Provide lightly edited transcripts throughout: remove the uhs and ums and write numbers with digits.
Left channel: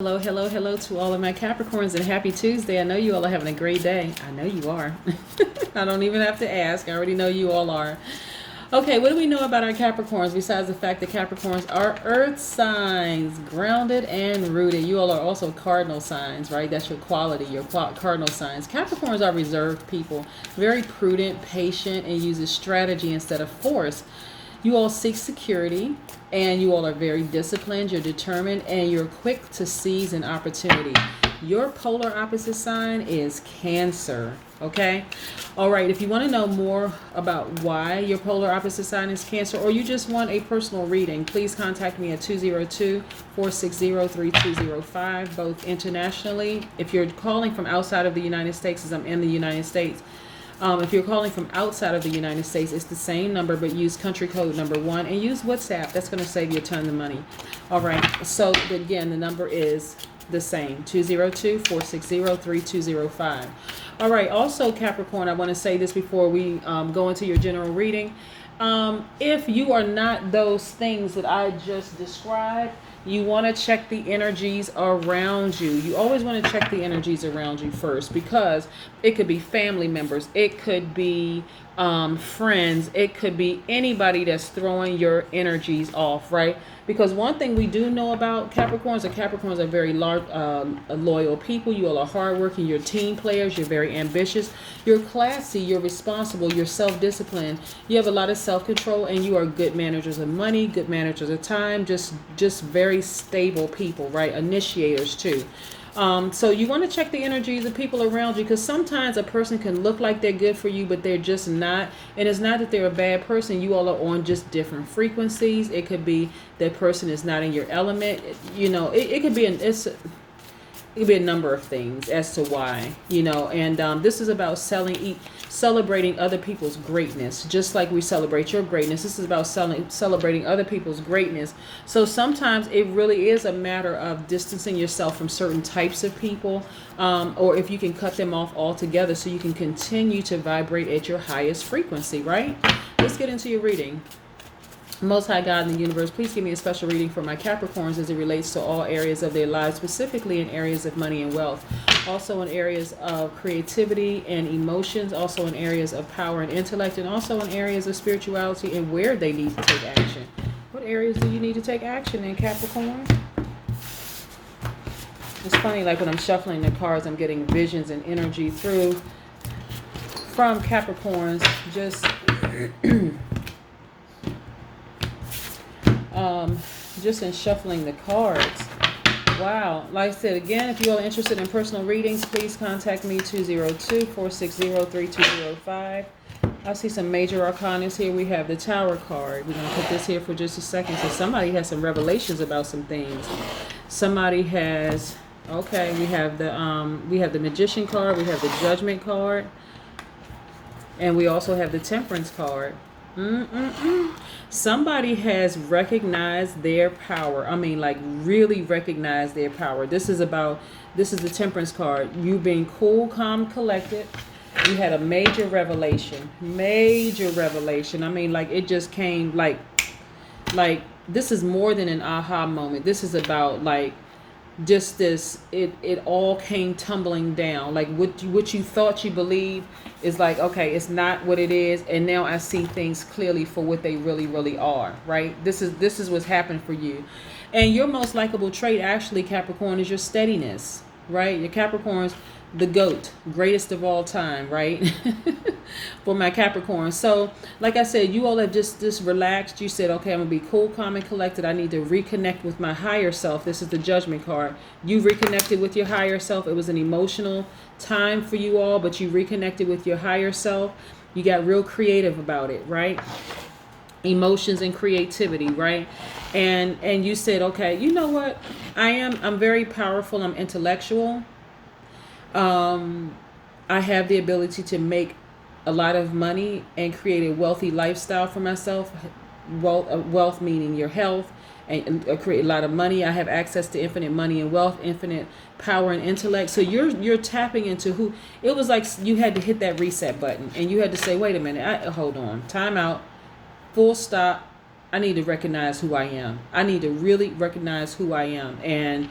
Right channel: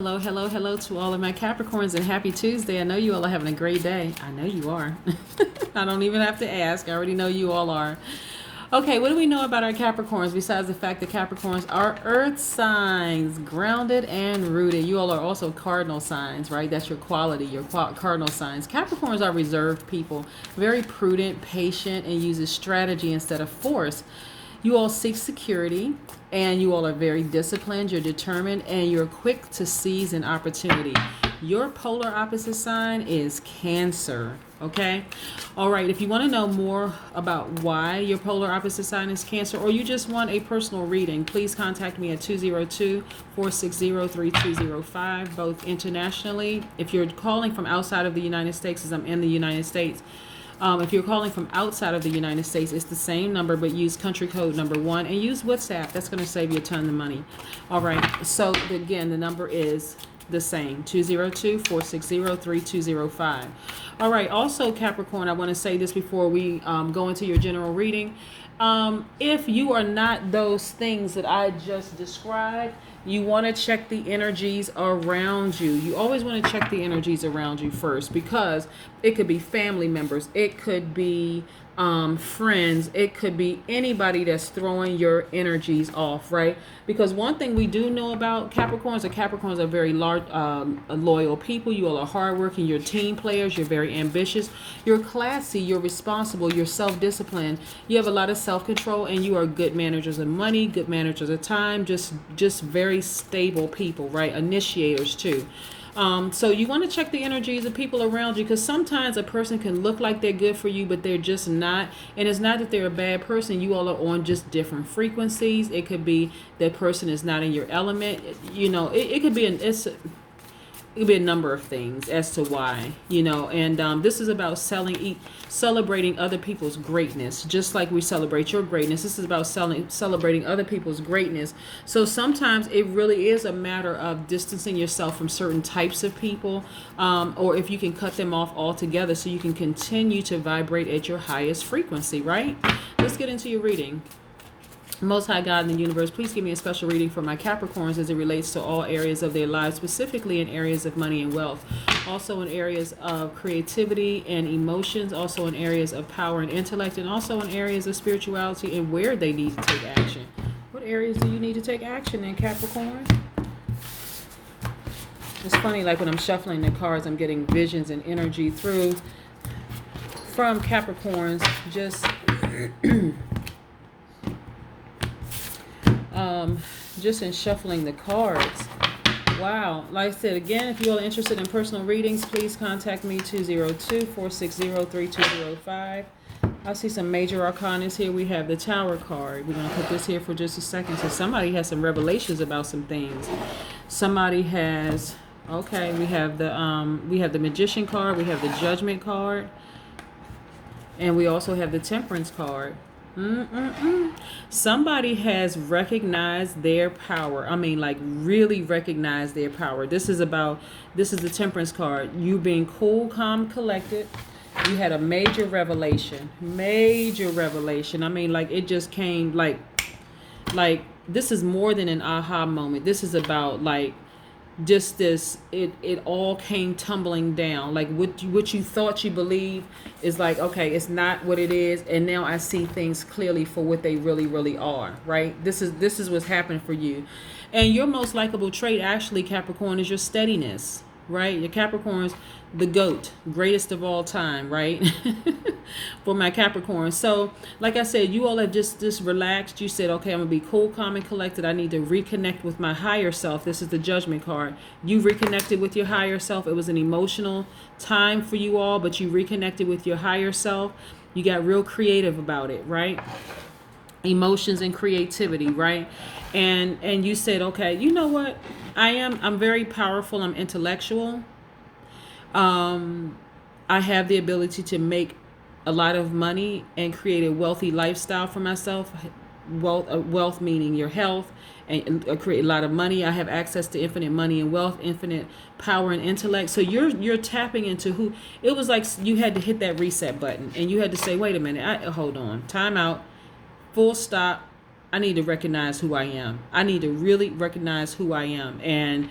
Hello, hello, hello to all of my Capricorns and happy Tuesday. I know you all are having a great day. I know you are. I don't even have to ask. I already know you all are. Okay, what do we know about our Capricorns besides the fact that Capricorns are earth signs, grounded and rooted? You all are also cardinal signs, right? That's your quality, your cardinal signs. Capricorns are reserved people, very prudent, patient, and uses strategy instead of force. You all seek security, and you all are very disciplined, you're determined, and you're quick to seize an opportunity. Your polar opposite sign is Cancer, okay? All right, if you want to know more about why your polar opposite sign is Cancer, or you just want a personal reading, please contact me at 202-460-3205, both internationally. If you're calling from outside of the United States, as I'm in the United States, if you're calling from outside of the United States, it's the same number, but use country code number 1 and use WhatsApp. That's going to save you a ton of money. All right. So again, the number is the same, 202-460-3205. All right. Also, Capricorn, I want to say this before we go into your general reading. If you are not those things that I just described, you want to check the energies around you. You always want to check the energies around you first, because it could be family members, it could be friends, it could be anybody that's throwing your energies off, right? Because one thing we do know about Capricorns, the Capricorns are very large, loyal people. You all are hardworking, you're team players, you're very ambitious, you're classy, you're responsible, you're self-disciplined, you have a lot of self-control, and you are good managers of money, good managers of time, just very stable people, right? Initiators too. So you want to check the energies of people around you, because sometimes a person can look like they're good for you, but they're just not. And it's not that they're a bad person. You all are on just different frequencies. It could be that person is not in your element. You know, it could be it could be a number of things as to why, and this is about celebrating other people's greatness, just like we celebrate your greatness. This is about celebrating other people's greatness. So sometimes it really is a matter of distancing yourself from certain types of people, or if you can cut them off altogether so you can continue to vibrate at your highest frequency, right? Let's get into your reading. Most High God in the universe, please give me a special reading for my Capricorns as it relates to all areas of their lives, specifically in areas of money and wealth, also in areas of creativity and emotions, also in areas of power and intellect, and also in areas of spirituality and where they need to take action. What areas do you need to take action in, Capricorn? It's funny, like when I'm shuffling the cards, I'm getting visions and energy through from Capricorns, just in shuffling the cards. Wow. Like I said, again, if you are interested in personal readings, please contact me, 202-460-3205. I see some major arcanas here. We have the Tower card. We're going to put this here for just a second. So somebody has some revelations about some things. Somebody has, okay, we have the Magician card, we have the Judgment card, and we also have the Temperance card. Somebody has recognized their power. I mean, like, really recognized their power. This is the Temperance card. You being cool, calm, collected. You had a major revelation. Major revelation. I mean, like, it just came like this is more than an aha moment. This is about, like, just this, it all came tumbling down. Like what you thought you believed is like, okay, it's not what it is, and now I see things clearly for what they really are, right? This is what's happened for you. And your most likable trait, actually, Capricorn, is your steadiness, right? Your Capricorn's the GOAT, greatest of all time, right? For my Capricorn. So, like I said, you all have just relaxed. You said, okay, I'm going to be cool, calm, and collected. I need to reconnect with my higher self. This is the Judgment card. You reconnected with your higher self. It was an emotional time for you all, but you reconnected with your higher self. You got real creative about it, right? Emotions and creativity, right? And you said, okay, you know what? I'm very powerful. I'm intellectual. I have the ability to make a lot of money and create a wealthy lifestyle for myself. Wealth meaning your health, and create a lot of money. I have access to infinite money and wealth, infinite power and intellect. So you're tapping into who. It was like you had to hit that reset button, and you had to say, wait a minute, hold on, time out, full stop. I need to recognize who I am. I need to really recognize who I am. And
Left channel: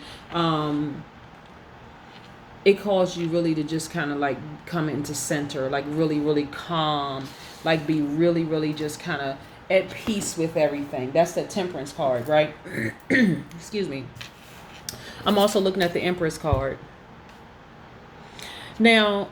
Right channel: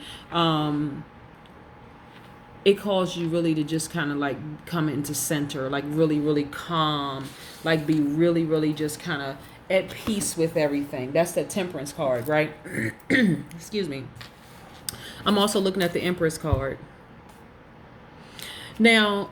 it calls you really to just kind of like come into center, like really, really calm, like be really, really just kind of at peace with everything. That's the Temperance card, right? Excuse me. I'm also looking at the Empress card. Now,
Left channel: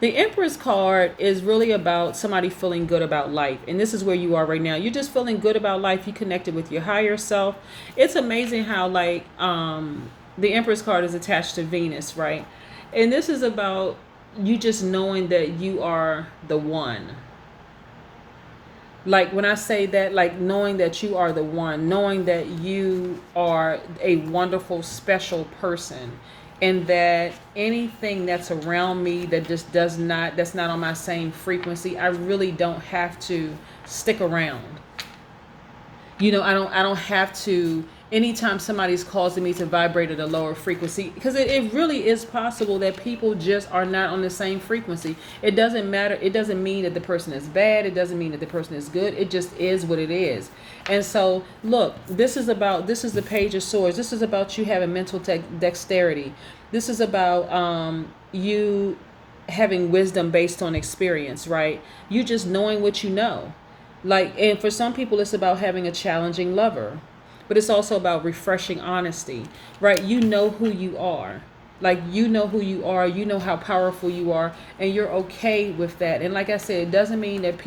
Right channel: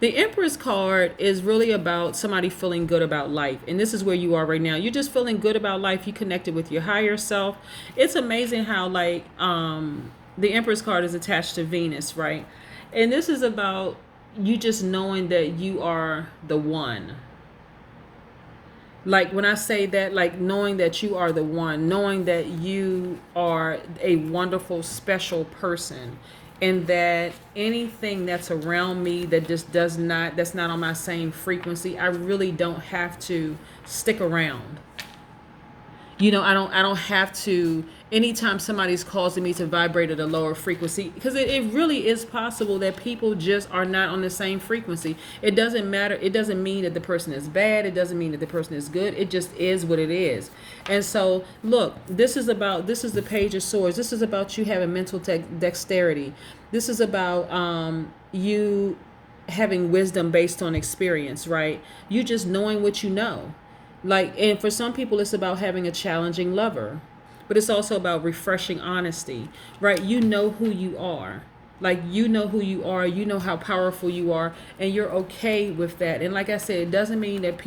the Empress card is really about somebody feeling good about life. And this is where you are right now. You're just feeling good about life. You connected with your higher self. It's amazing how like the Empress card is attached to Venus, right? And this is about you just knowing that you are the one. Like when I say that, like knowing that you are the one, knowing that you are a wonderful, special person, and that anything that's around me that just that's not on my same frequency, I really don't have to stick around. You know, I don't have to, anytime somebody's causing me to vibrate at a lower frequency, because it really is possible that people just are not on the same frequency. It doesn't matter. It doesn't mean that the person is bad. It doesn't mean that the person is good. It just is what it is. And so, look, this is the Page of Swords. This is about you having mental dexterity. This is about you having wisdom based on experience, right? You just knowing what you know. Like, and for some people, it's about having a challenging lover, but it's also about refreshing honesty, right? You know who you are. Like, you know who you are, you know how powerful you are, and you're okay with that. And like I said, it doesn't mean that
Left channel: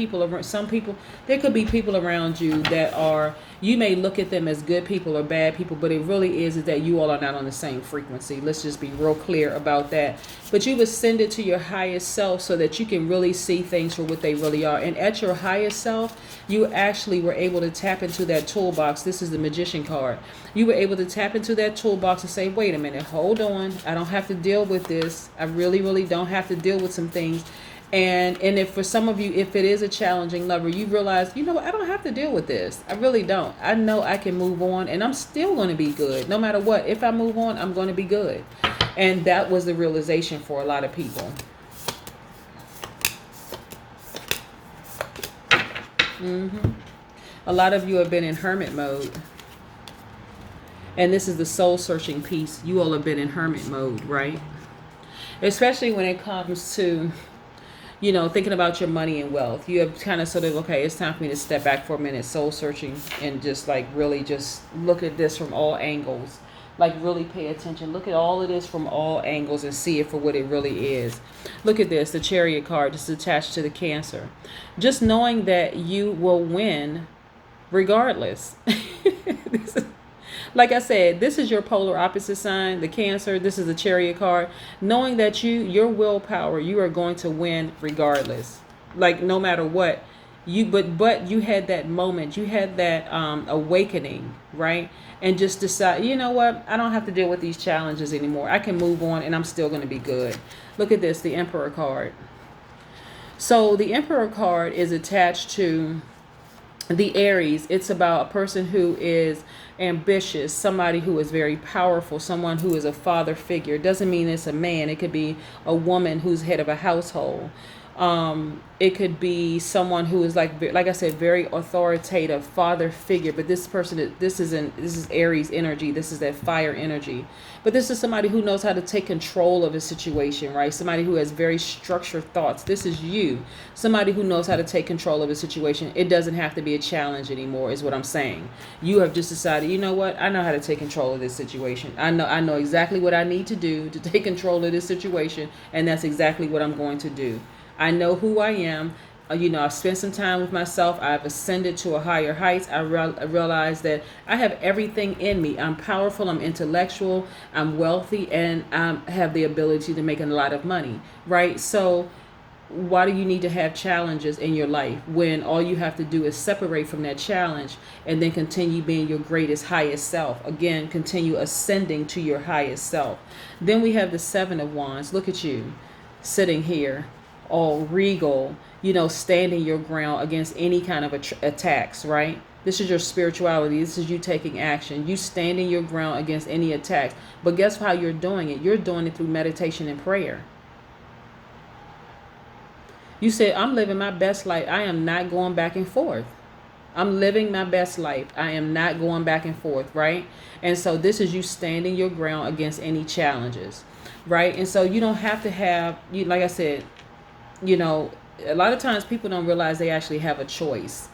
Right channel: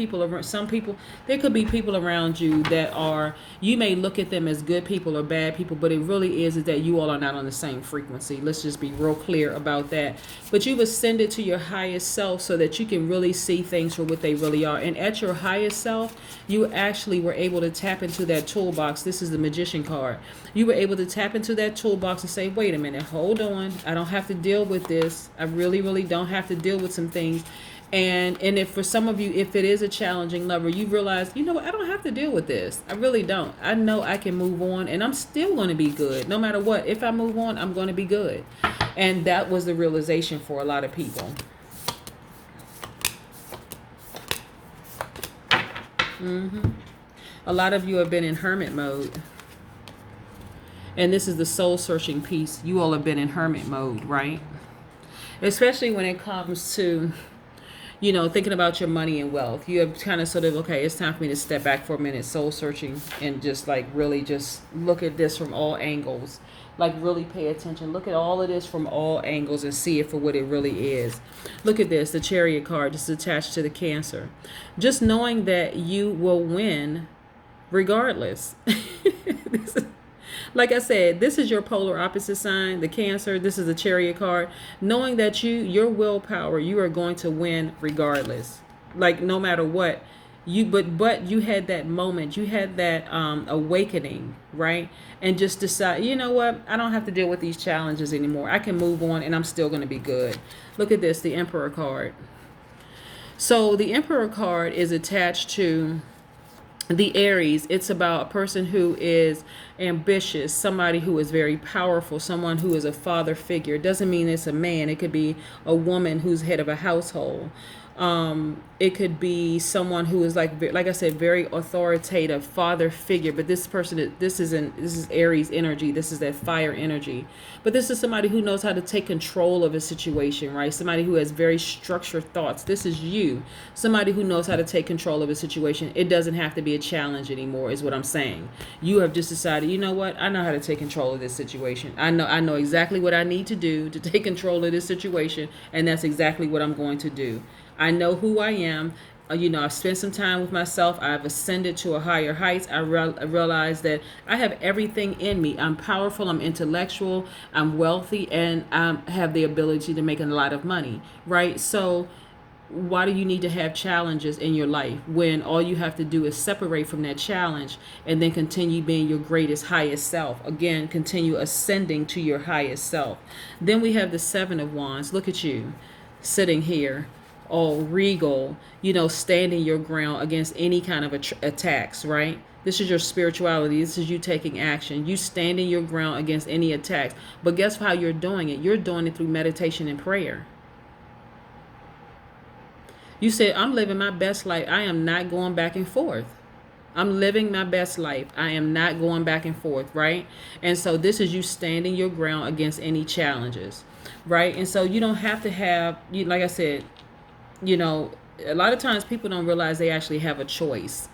some people, there could be people around you that are, you may look at them as good people or bad people, but it really is that you all are not on the same frequency. Let's just be real clear about that. But you've ascended to your highest self so that you can really see things for what they really are. And at your highest self, you actually were able to tap into that toolbox. This is the Magician card. You were able to tap into that toolbox and say, wait a minute, hold on. I don't have to deal with this. I really, really don't have to deal with some things. And if for some of you, if it is a challenging lover, you realize, you know what, I don't have to deal with this. I really don't. I know I can move on and I'm still going to be good. No matter what, if I move on, I'm going to be good. And that was the realization for a lot of people. A lot of you have been in hermit mode. And this is the soul searching piece. You all have been in hermit mode, right? Especially when it comes to, you know, thinking about your money and wealth. You have kind of sort of, okay, it's time for me to step back for a minute, soul searching, and just like really just look at this from all angles. Like really pay attention. Look at all of this from all angles and see it for what it really is. Look at this, the Chariot card, just attached to the Cancer. Just knowing that you will win regardless. Like I said, this is your polar opposite sign, the Cancer. This is the Chariot card. Knowing that your willpower, you are going to win regardless. Like no matter what. But you had that moment. You had that awakening, right? And just decide, you know what? I don't have to deal with these challenges anymore. I can move on and I'm still going to be good. Look at this, the Emperor card. So the Emperor card is attached to the Aries. It's about a person who is ambitious, somebody who is very powerful, someone who is a father figure. It doesn't mean it's a man. It could be a woman who's head of a household. It could be someone who is like I said, very authoritative father figure. But this person, this is Aries energy. This is that fire energy. But this is somebody who knows how to take control of a situation, right? Somebody who has very structured thoughts. This is you. Somebody who knows how to take control of a situation. It doesn't have to be a challenge anymore, is what I'm saying. You have just decided, you know what? I know how to take control of this situation. I know exactly what I need to do to take control of this situation, and that's exactly what I'm going to do. I know who I am. You know, I've spent some time with myself. I've ascended to a higher heights. I realize that I have everything in me. I'm powerful. I'm intellectual. I'm wealthy. And I have the ability to make a lot of money, right? So why do you need to have challenges in your life when all you have to do is separate from that challenge and then continue being your greatest, highest self? Again, continue ascending to your highest self. Then we have the Seven of Wands. Look at you sitting here, all regal, you know, standing your ground against any kind of attacks, right? This is your spirituality. This is you taking action. You standing your ground against any attacks. But guess how you're doing it? You're doing it through meditation and prayer. You said, I'm living my best life. I am not going back and forth. I'm living my best life. I am not going back and forth, right? And so this is you standing your ground against any challenges, right? And so you don't have to have, you like I said, you know, a lot of times people don't realize they actually have a choice,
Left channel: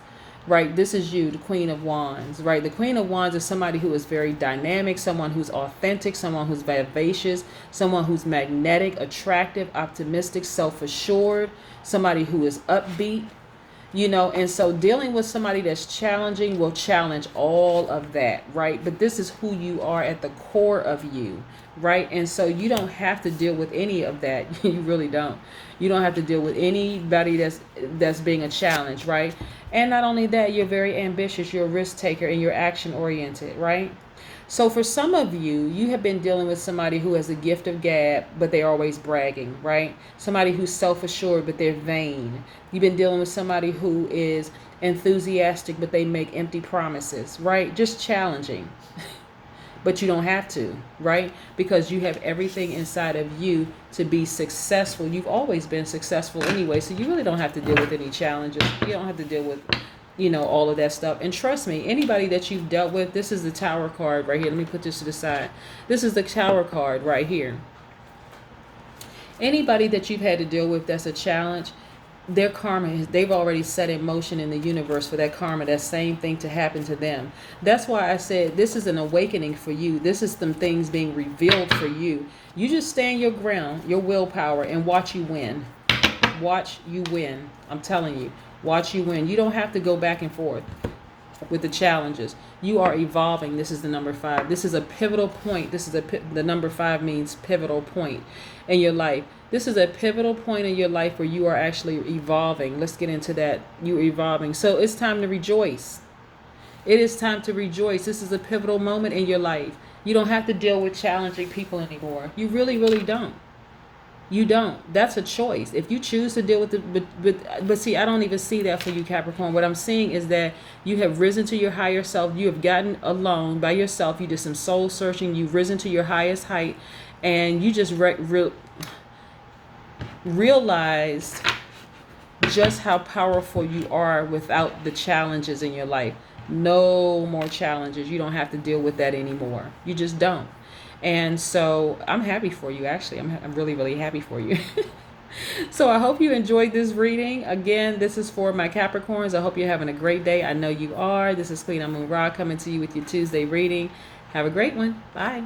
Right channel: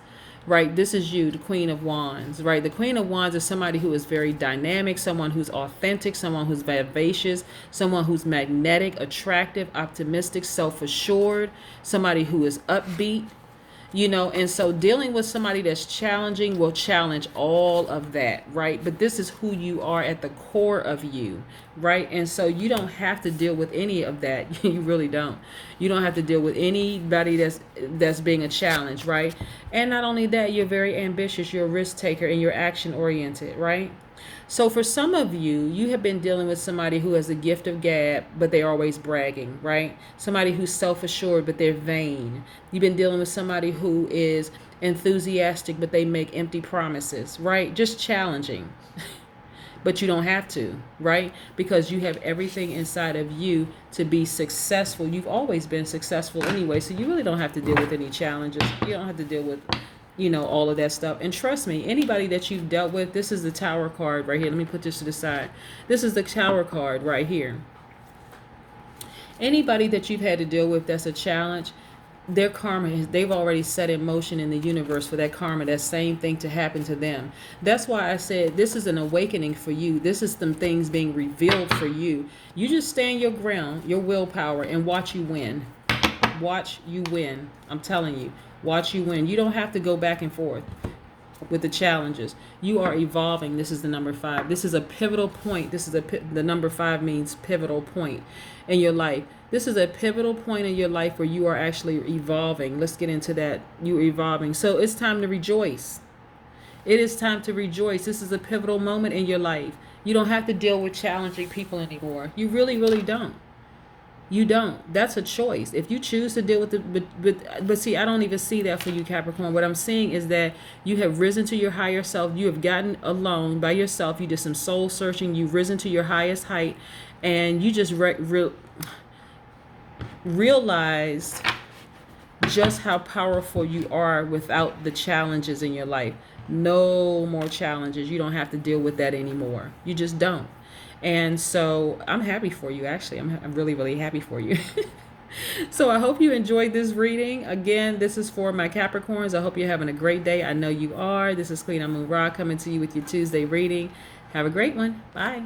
right? This is you, the Queen of Wands, right? The Queen of Wands is somebody who is very dynamic, someone who's authentic, someone who's vivacious, someone who's magnetic, attractive, optimistic, self-assured, somebody who is upbeat, you know. And so dealing with somebody that's challenging will challenge all of that, right? But this is who you are at the core of you, right? And so you don't have to deal with any of that. You really don't. You don't have to deal with anybody that's being a challenge, right? And not only that, you're very ambitious, you're a risk taker, and you're action oriented, right? So for some of you, you have been dealing with somebody who has a gift of gab, but they're always bragging, right? Somebody who's self-assured, but they're vain. You've been dealing with somebody who is enthusiastic, but they make empty promises, right? Just challenging. But you don't have to, right? Because you have everything inside of you to be successful. You've always been successful anyway, so you really don't have to deal with any challenges. You don't have to deal with, you know, all of that stuff. And trust me, anybody that you've dealt with, this is the Tower card right here. Let me put this to the side. This is the Tower card right here. Anybody that you've had to deal with that's a challenge, their karma, they've already set in motion in the universe for that karma, that same thing to happen to them. That's why I said this is an awakening for you. This is some things being revealed for you. You just stand your ground, your willpower, and watch you win. Watch you win. I'm telling you, watch you win. You don't have to go back and forth with the challenges. You are evolving. This is the number 5. This is a pivotal point. This is the number 5 means pivotal point in your life. This is a pivotal point in your life where you are actually evolving. Let's get into that. You're evolving. So it's time to rejoice. It is time to rejoice. This is a pivotal moment in your life. You don't have to deal with challenging people anymore. You really, really don't. You don't. That's a choice. If you choose to deal with it, but see, I don't even see that for you, Capricorn. What I'm seeing is that you have risen to your higher self. You have gotten alone by yourself. You did some soul searching. You've risen to your highest height, and you just realized just how powerful you are without the challenges in your life. No more challenges. You don't have to deal with that anymore. You just don't. And so I'm happy for you. Actually, I'm really, really happy for you. So I hope you enjoyed this reading. Again, this is for my Capricorns. I hope you're having a great day. I know you are. This is Queen Amun Ra coming to you with your Tuesday reading. Have a great one. Bye.